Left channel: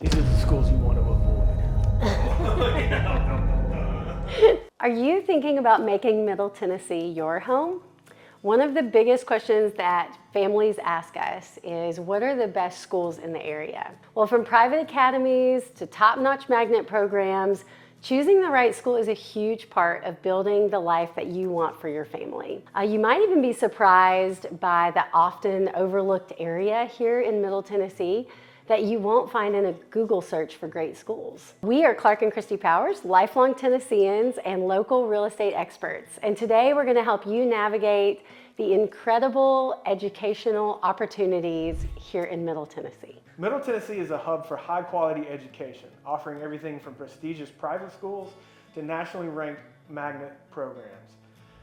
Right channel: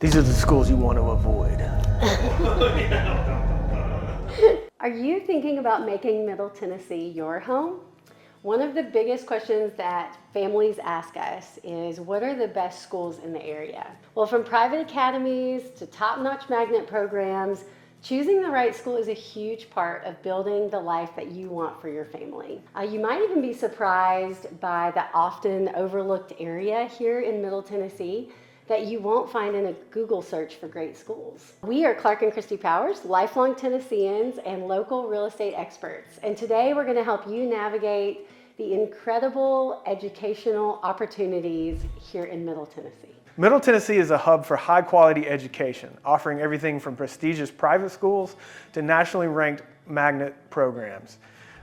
These are the schools you want to avoid. Are you thinking about making Middle Tennessee your home? One of the biggest questions that families ask us is, what are the best schools in the area? Well, from private academies to top-notch magnet programs, choosing the right school is a huge part of building the life that you want for your family. You might even be surprised by the often overlooked area here in Middle Tennessee that you won't find in a Google search for great schools. We are Clark and Christi Powers, lifelong Tennesseans and local real estate experts. And today we're gonna help you navigate the incredible educational opportunities here in Middle Tennessee. Middle Tennessee is a hub for high-quality education, offering everything from prestigious private schools to nationally ranked magnet programs.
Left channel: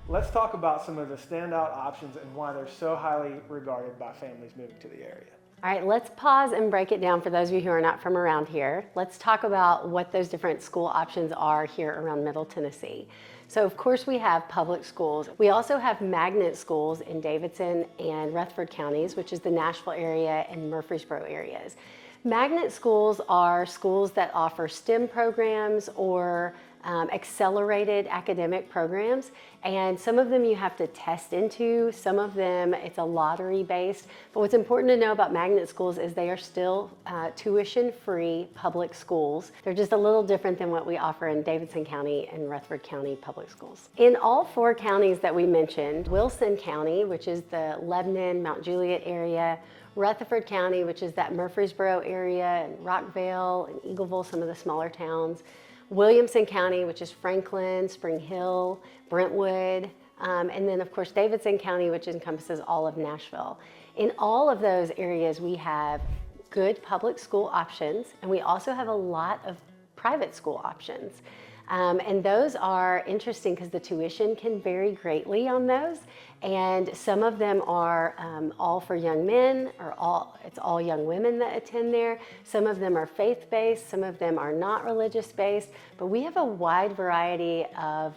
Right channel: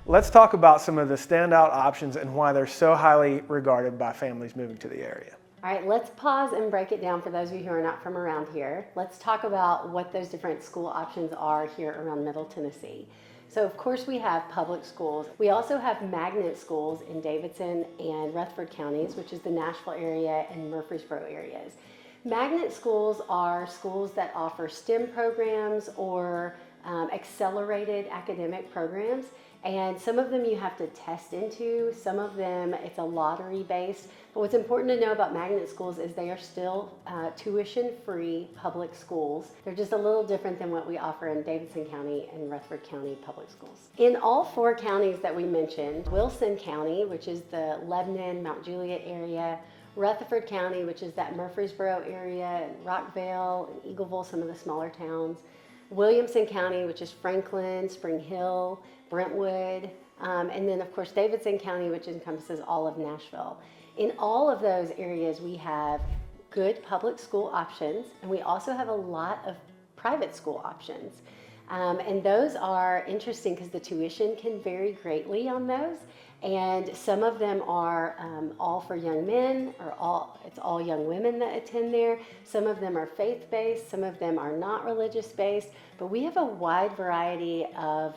Let's talk about some of the standout options and why they're so highly regarded by families moving to the area. All right, let's pause and break it down for those of you who are not from around here. Let's talk about what those different school options are here around Middle Tennessee. So of course we have public schools. We also have magnet schools in Davidson and Rutherford counties, which is the Nashville area and Murfreesboro areas. Magnet schools are schools that offer STEM programs or accelerated academic programs, and some of them you have to test into, some of them it's a lottery based, but what's important to know about magnet schools is they are still tuition-free public schools. They're just a little different than what we offer in Davidson County and Rutherford County public schools. In all four counties that we mentioned, Wilson County, which is the Lebanon, Mount Juliet area, Rutherford County, which is that Murfreesboro area, and Rockville and Eagleville, some of the smaller towns, Williamson County, which is Franklin, Spring Hill, Brentwood, and then of course Davidson County, which encompasses all of Nashville. In all of those areas we have good public school options, and we also have a lot of private school options. And those are interesting because the tuition can vary greatly on those. And some of them are all for young men, or it's all young women that attend there. Some of them are faith-based, some of them are not religious-based, but we have a wide variety of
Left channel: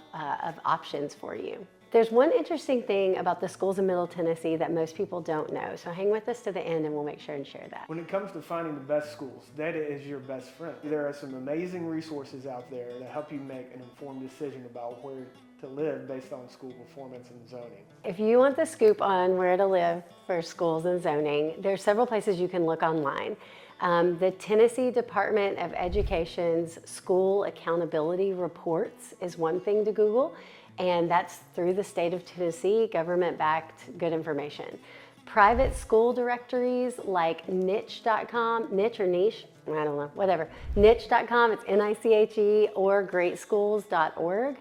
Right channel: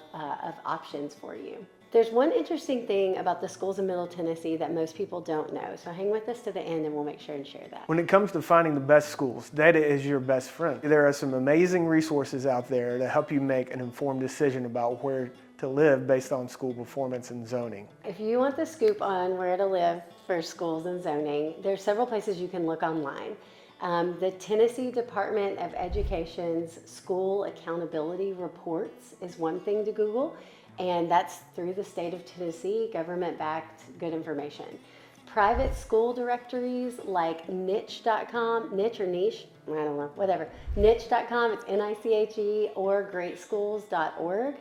options for you. There's one interesting thing about the schools in Middle Tennessee that most people don't know, so hang with us to the end and we'll make sure and share that. When it comes to finding the best schools, data is your best friend. There are some amazing resources out there that help you make an informed decision about where to live based on school performance and zoning. If you want the scoop on where to live for schools and zoning, there's several places you can look online. The Tennessee Department of Education's School Accountability Reports is one thing to Google, and that's through the state of Tennessee, government-backed good information. Private school directories like niche.com, niche or niche, I don't know, whatever. Niche.com, it's N-I-C-H-E, or greatschools.org.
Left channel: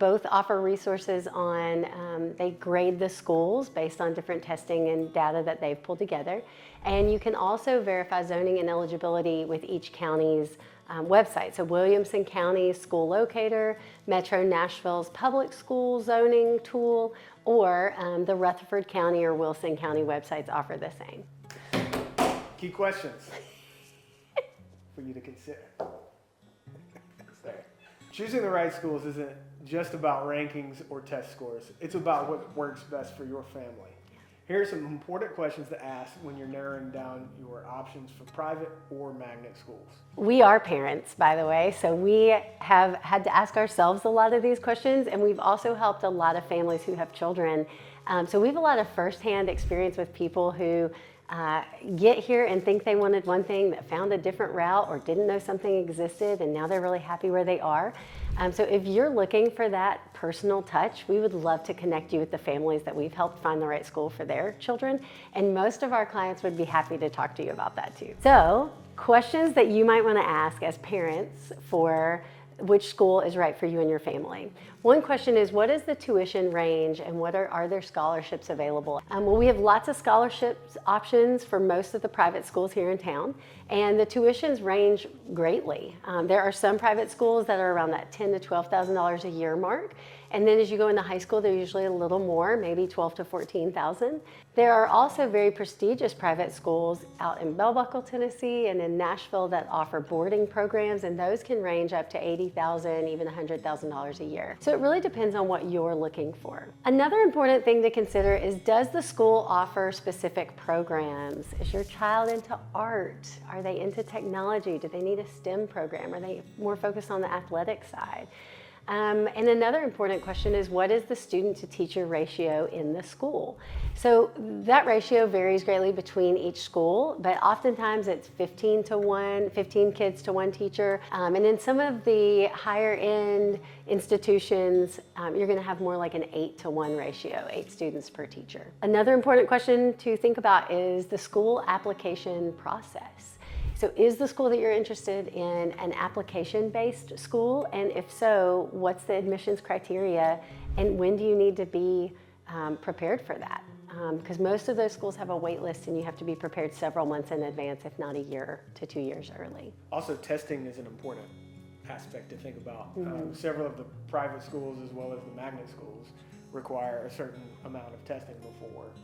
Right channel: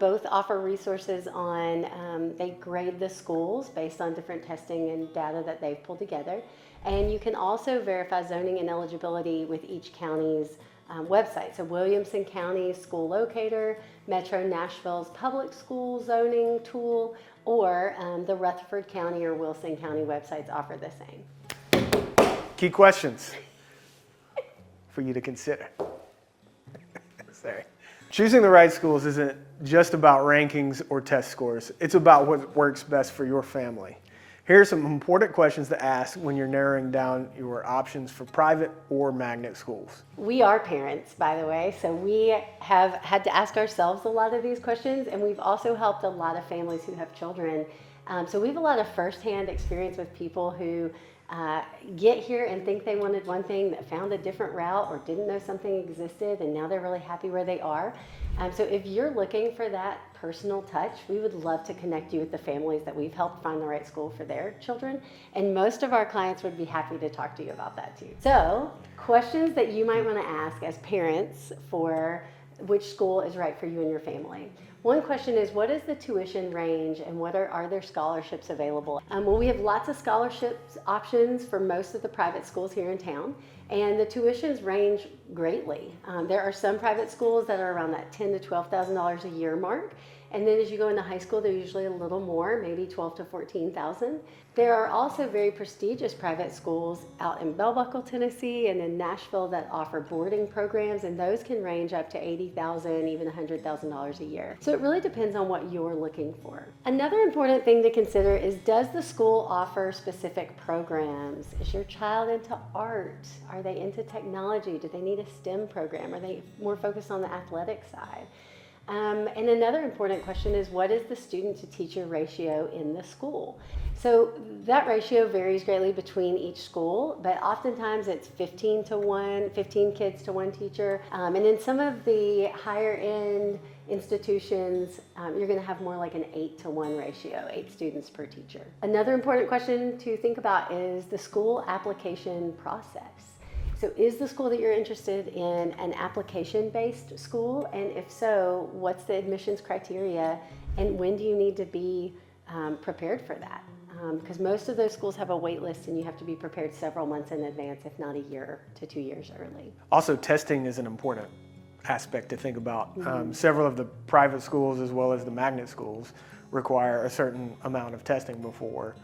Both offer resources on, they grade the schools based on different testing and data that they've pulled together. And you can also verify zoning and eligibility with each county's website. So Williamson County School Locator, Metro Nashville's public school zoning tool, or the Rutherford County or Wilson County websites offer the same. Key questions for you to consider. Sorry. Choosing the right schools isn't just about rankings or test scores. It's about what works best for your family. Here are some important questions to ask when you're narrowing down your options for private or magnet schools. We are parents, by the way, so we have had to ask ourselves a lot of these questions, and we've also helped a lot of families who have children. So we have a lot of firsthand experience with people who get here and think they wanted one thing, that found a different route or didn't know something existed, and now they're really happy where they are. So if you're looking for that personal touch, we would love to connect you with the families that we've helped find the right school for their children, and most of our clients would be happy to talk to you about that too. So, questions that you might want to ask as parents for which school is right for you and your family. One question is, what is the tuition range and are there scholarships available? Well, we have lots of scholarships options for most of the private schools here in town, and the tuitions range greatly. There are some private schools that are around that $10,000 to $12,000 a year mark, And then as you go into high school, they're usually a little more, maybe 12 to 14,000. There are also very prestigious private schools out in Bell Buckle, Tennessee, and in Nashville that offer boarding programs, and those can range up to $80,000, even $100,000 a year. So it really depends on what you're looking for. Another important thing to consider is, does the school offer specific programs? Is your child into art? Are they into technology? Do they need a STEM program? Are they more focused on the athletic side? And another important question is, what is the student to teacher ratio in the school? So that ratio varies greatly between each school, but oftentimes it's 15 to 1, 15 kids to 1 teacher. And in some of the higher end institutions, you're gonna have more like an 8 to 1 ratio, 8 students per teacher. Another important question to think about is the school application process. So is the school that you're interested in an application-based school? And if so, what's the admissions criteria? And when do you need to be prepared for that? Because most of those schools have a wait list, and you have to be prepared several months in advance, if not a year to 2 years early. Also, testing is an important aspect to think about. Several of the private schools, as well as the magnet schools, require a certain amount of testing before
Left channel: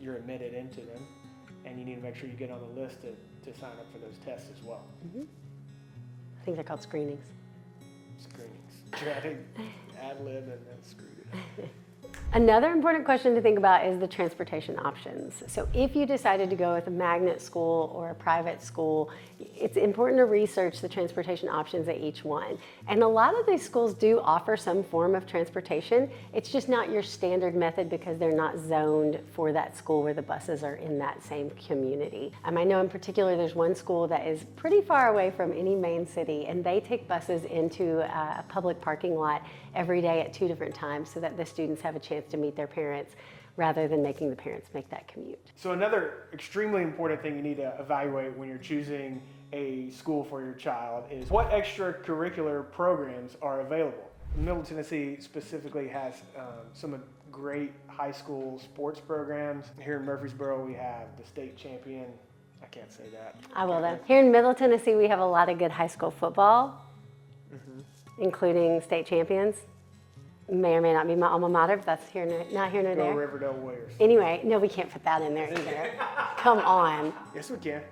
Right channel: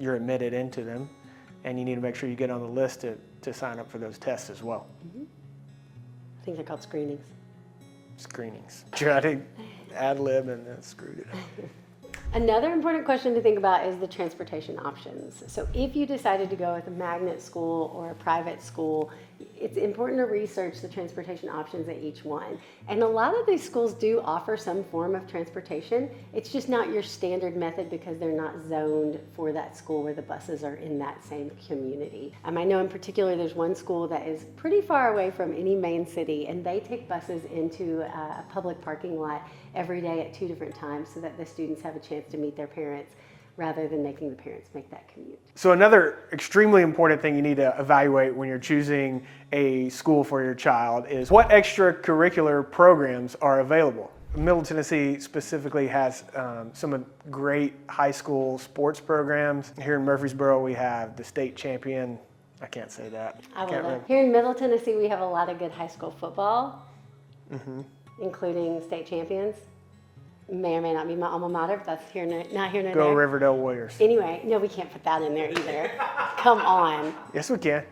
you're admitted into them. And you need to make sure you get on the list to sign up for those tests as well. I think they're called screenings. Screenings. Tried to ad lib and then screwed it. Another important question to think about is the transportation options. So if you decided to go with a magnet school or a private school, it's important to research the transportation options at each one. And a lot of these schools do offer some form of transportation. It's just not your standard method because they're not zoned for that school where the buses are in that same community. I know in particular there's one school that is pretty far away from any main city, and they take buses into a public parking lot every day at 2 different times so that the students have a chance to meet their parents rather than making the parents make that commute. So another extremely important thing you need to evaluate when you're choosing a school for your child is what extracurricular programs are available. Middle Tennessee specifically has some great high school sports programs. Here in Murfreesboro, we have the state champion. I can't say that. I will that. Here in Middle Tennessee, we have a lot of good high school football, including state champions. May or may not be my alma mater, but that's not here nor Go there. Riverdale Warriors. Anyway, no, we can't put that in there either. Come on. Yes, we can.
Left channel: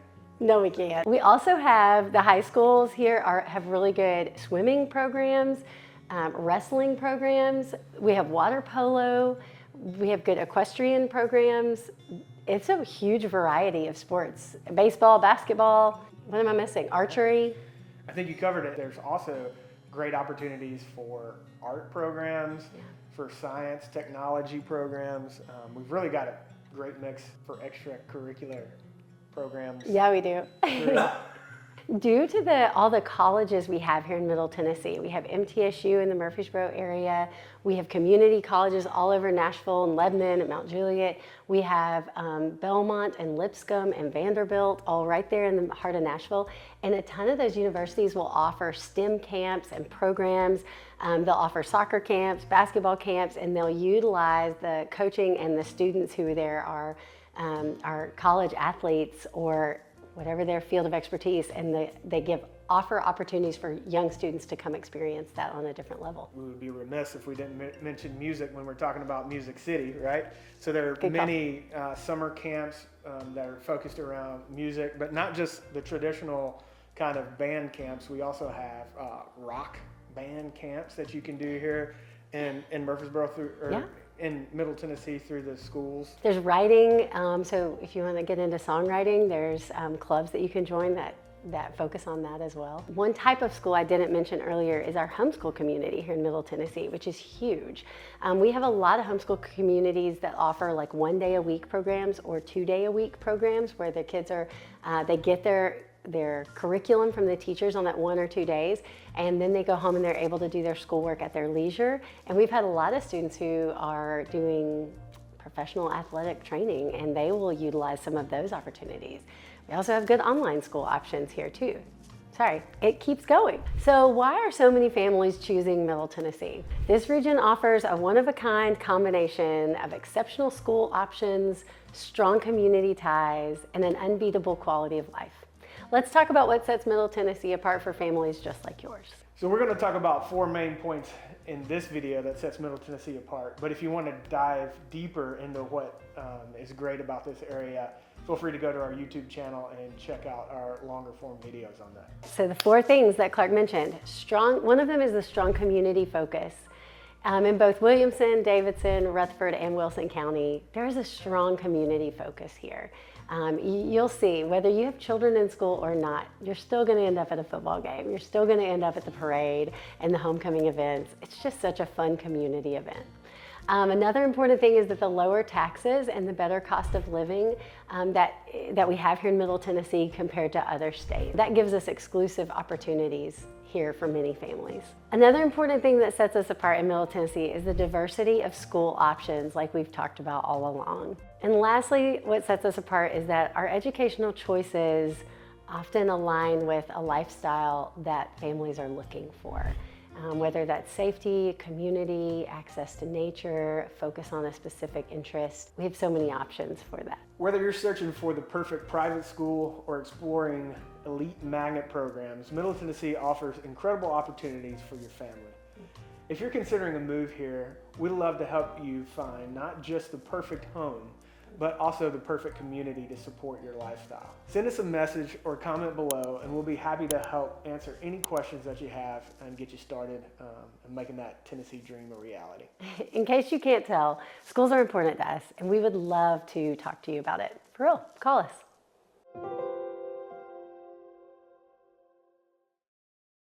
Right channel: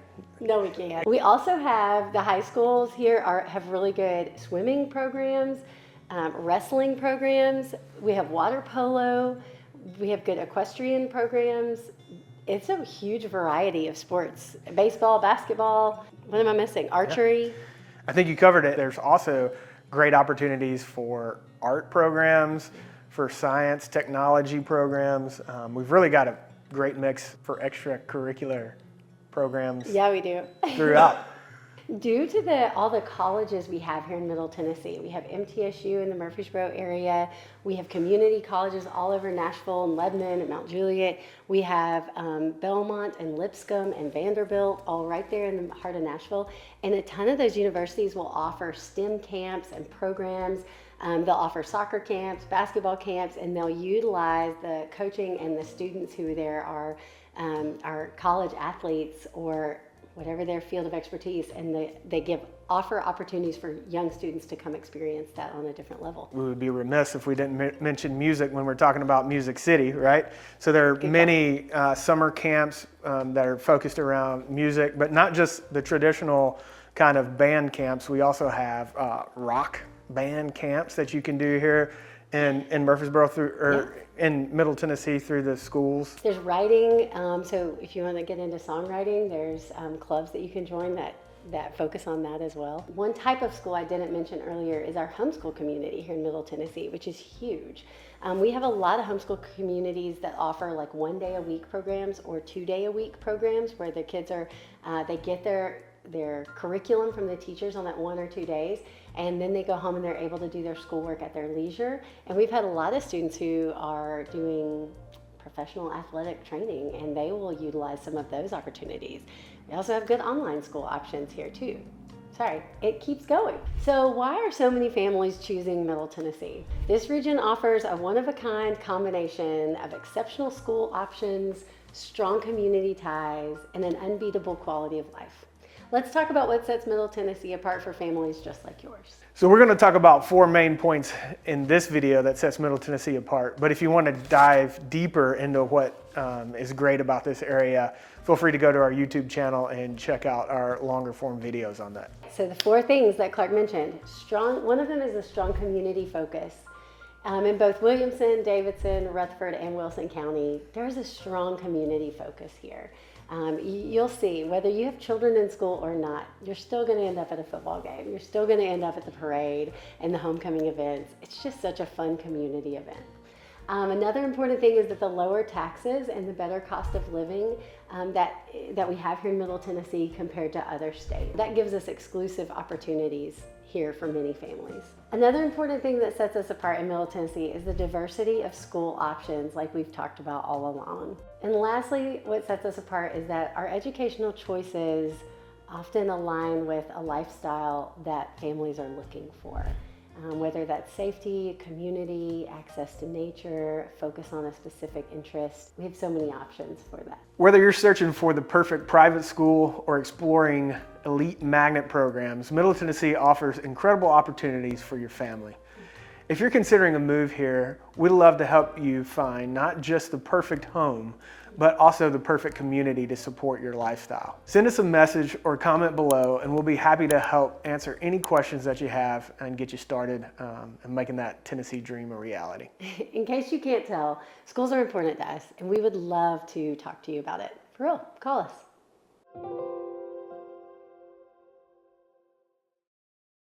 No, we can't. We also have the high schools here have really good swimming programs, wrestling programs. We have water polo. We have good equestrian programs. It's a huge variety of sports. Baseball, basketball. What am I missing? Archery. I think you covered it. There's also great opportunities for art programs, for science, technology programs. We've really got a great mix for extracurricular programs. Yeah, we do. Throughout. Due to all the colleges we have here in Middle Tennessee, we have MTSU in the Murfreesboro area. We have community colleges all over Nashville and Lebanon and Mount Juliet. We have Belmont and Lipscomb and Vanderbilt all right there in the heart of Nashville. And a ton of those universities will offer STEM camps and programs. They'll offer soccer camps, basketball camps, and they'll utilize the coaching and the students who there are college athletes or whatever their field of expertise, and they offer opportunities for young students to come experience that on a different level. We would be remiss if we didn't mention music when we're talking about Music City, right? So there are many summer camps that are focused around music, but not just the traditional kind of band camps. We also have rock band camps that you can do here in Murfreesboro in Middle Tennessee through the schools. There's writing, so if you want to get into songwriting, there's clubs that you can join that focus on that as well. One type of school I didn't mention earlier is our homeschool community here in Middle Tennessee, which is huge. We have a lot of homeschool communities that offer like 1 day a week programs or 2 day a week programs where the kids they get their curriculum from the teachers on that 1 or 2 days, and then they go home and they're able to do their schoolwork at their leisure. And we've had a lot of students who are doing professional athletic training, and they will utilize some of those opportunities. We also have good online school options here too. Sorry, it keeps going. So why are so many families choosing Middle Tennessee? This region offers a one-of-a-kind combination of exceptional school options, strong community ties, and an unbeatable quality of life. Let's talk about what sets Middle Tennessee apart for families just like yours. So we're going to talk about 4 main points in this video that sets Middle Tennessee apart. But if you want to dive deeper into what is great about this area, feel free to go to our YouTube channel and check out our longer form videos on that. So the 4 things that Clark mentioned, one of them is a strong community focus. In both Williamson, Davidson, Rutherford, and Wilson County, there's a strong community focus here. You'll see, whether you have children in school or not, you're still going to end up at a football game. You're still going to end up at the parade and the homecoming events. It's just such a fun community event. Another important thing is that the lower taxes and the better cost of living that we have here in Middle Tennessee compared to other states. That gives us exclusive opportunities here for many families. Another important thing that sets us apart in Middle Tennessee is the diversity of school options like we've talked about all along. And lastly, what sets us apart is that our educational choices often align with a lifestyle that families are looking for. Whether that's safety, community, access to nature, focus on a specific interest. We have so many options for that. Whether you're searching for the perfect private school or exploring elite magnet programs, Middle Tennessee offers incredible opportunities for your family. If you're considering a move here, we'd love to help you find not just the perfect home, but also the perfect community to support your lifestyle. Send us a message or comment below and we'll be happy to help answer any questions that you have and get you started in making that Tennessee dream a reality. In case you can't tell, schools are important to us and we would love to talk to you about it. For real, call us.